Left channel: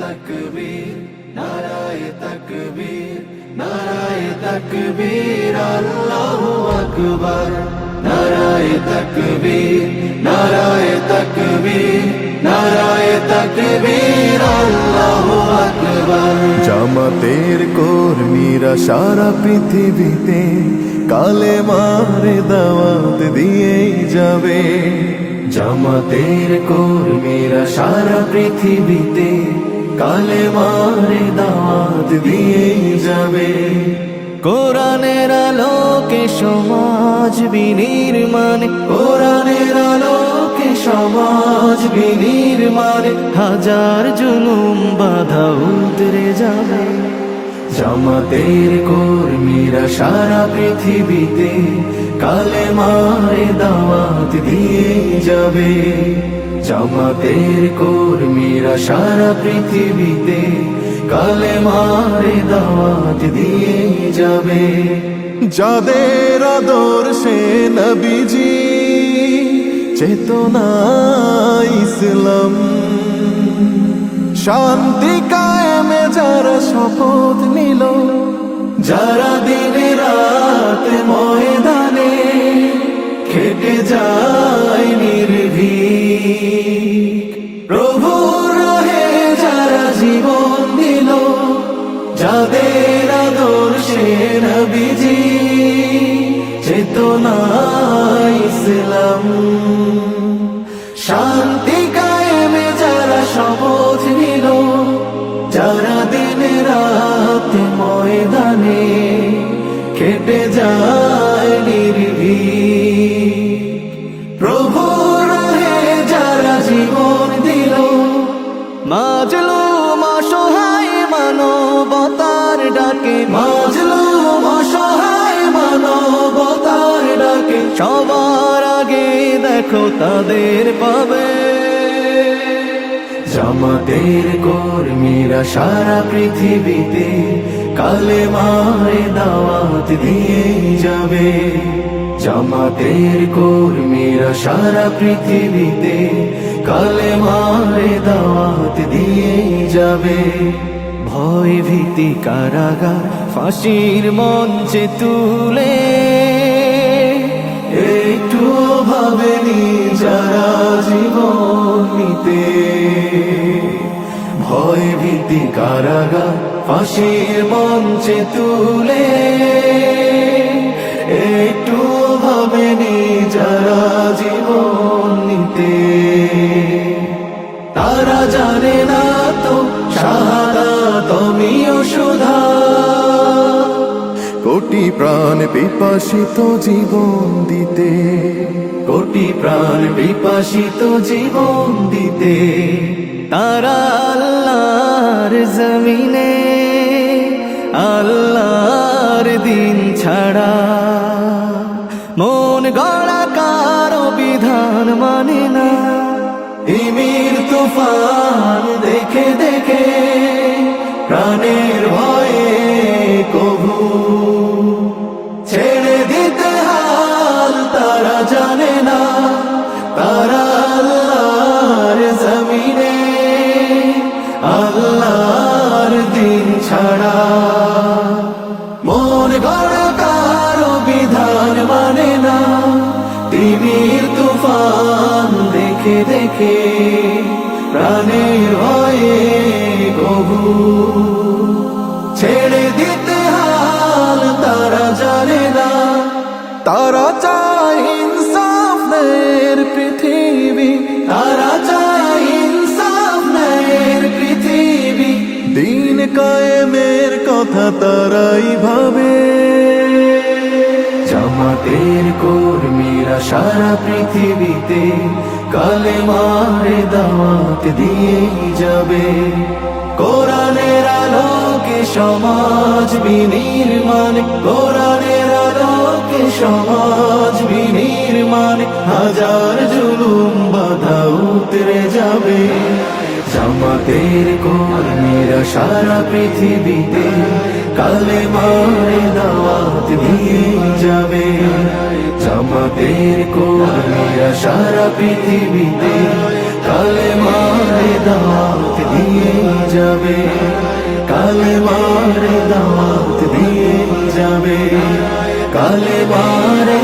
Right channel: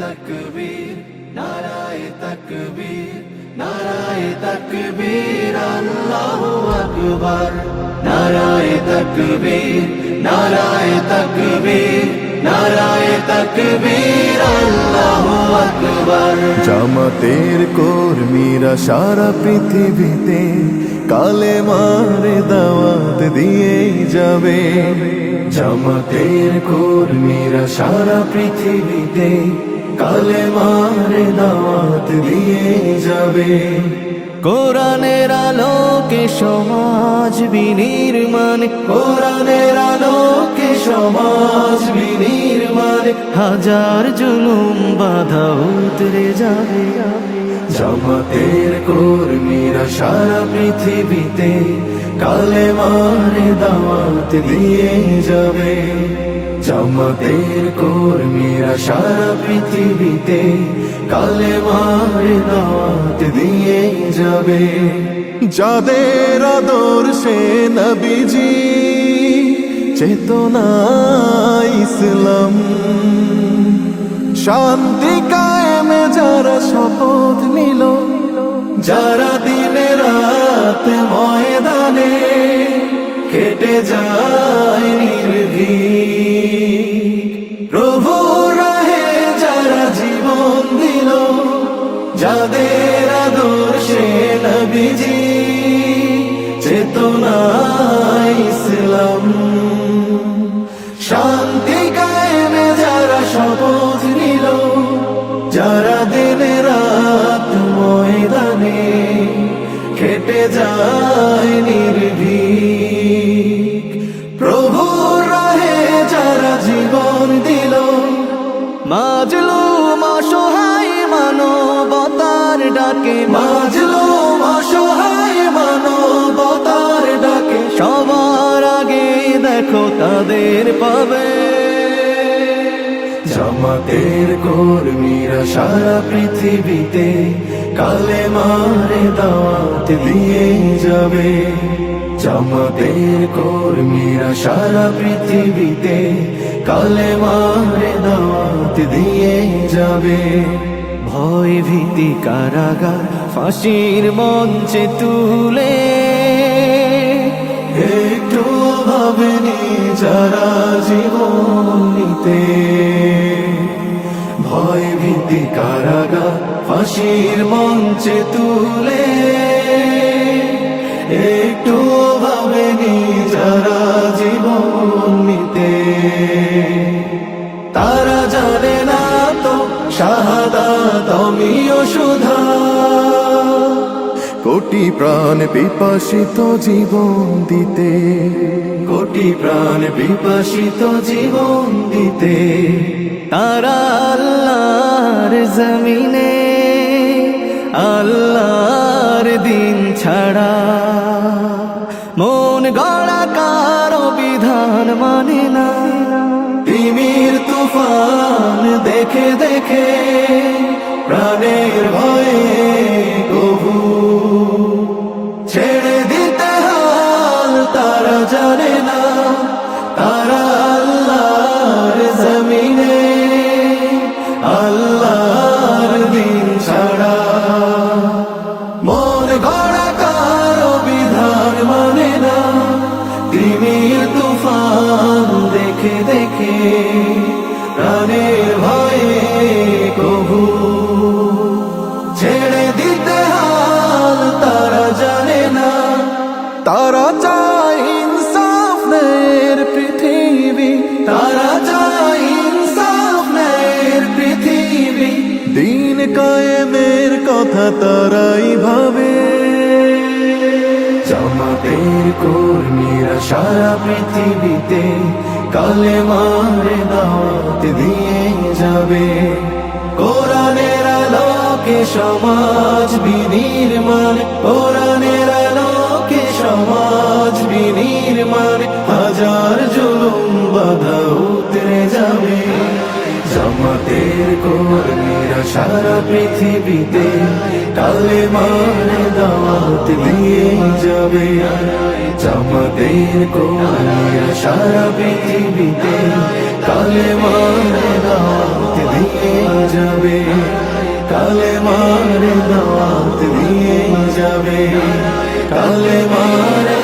তাকবীর নারায়ে তাকবীর নারায়ে তাকবীর আল্লাহু আকবার নারায়ে তাকবীর নারায়ে তাকবীর নারায়ে তাকবীর আল্লাহু আকবার। জামাতের কর্মীরা সারা পৃথিবীতে কালেমার দাওয়াত দিয়েই যাবে। জামাতের কর্মীরা সারা পৃথিবীতে কালেমার দাওয়াত দিয়েই যাবে। কোরআনের আলোকে সমাজ বিনির্মাণ, কোরআনের আলোকে সমাজ বিনির্মাণ, হাজার জুলুম বাধা উতরে যাবে। জামাতের কর্মীরা সারা পৃথিবীতে কালেমার দাওয়াত দিয়ে যাবে। জামাতের কর্মীরা সারা পৃথিবীতে কালেমার দাওয়াত দিয়ে যাবে। যাদের আদর্শে নবীজি চেতনা ইসলাম, শান্তি কায়েমে যারা শপথ নিল, যারা দিনে রাত ময়দানে খেটে যায় নির্ভীক, প্রভুর রাহে যারা জীবন দিল, যাদের আদর্শে নবীজি চেতনা ইসলাম, শান্তি কায়েমে যারা শপথ নিল, যারা দিনে রাত ময়দানে খেটে যায় নির্ভীক, প্রভুর রাহে যারা জীবন দিল, মাজলুম অসহায় মানবতার ডাকে, মাজলুম অসহায় মানবতার ডাকে, সবার আগে দেখো তাদের পাবে। জামাতের কর্মীরা সারা পৃথিবীতে কালেমার দাওয়াত দিয়ে যাবে। জামাতের কর্মীরা সারা পৃথিবীতে কালেমার দাওয়াত দিয়ে যাবে। ভয় ভীতি কারাগার ফাঁসির মঞ্চে তুলে, একটু ভাবেনি যারা জীবন নিতে, ভয় ভীতি কারাগার ফাঁসির মঞ্চে তুলে, একটু ভাবেনি যারা জীবন নিতে, তারা জানে না তো শাহাদাত আমিও সুধা। কোটি প্রাণ পিপাসিত জীবন দিতে, কোটি প্রাণ বিপাসিত জীবন দিতে, তারা আল্লাহর জমিনে আল্লাহর দিন ছাড়া মন গড়া কারো বিধান মানে না। তিমির তুফান দেখে দেখে প্রাণের ভয়ে কভু ছেড়ে দিতে হাল তারা জানে না। তারা আল্লাহর জমিনে আল্লাহর দিন ছাড়া মন গড়া কারো বিধান মানে না। তিমির তুফান দেখে দেখে প্রাণের ভয়ে কভু ছেড়ে দিতে হাল তারা জানে না। তারা চায় ইনসাফের পৃথিবী, তারা চায় ইনসাফের পৃথিবী, দিন কায়েমের কথা তারাই ভাবে। জামাতের কর্মীরা সারা পৃথিবীতে কালেমার দাওয়াত দিয়ে যাবে। কোরআনের আলোকে সমাজ বিনির্মাণ, কোরআনের আলোকে সমাজ বিনির্মাণ, হাজার জুলুম বাধা উতরে যাবে। জামাতের কর্মীরা সারা পৃথিবীতে কালেমার দাওয়াত দিয়ে যাবে। জামাতের কর্মীরা সারা পৃথিবীতে কালেমার দাওয়াত দিয়ে যাবে, কালেমার দাওয়াত দিয়ে যাবে, কালেমার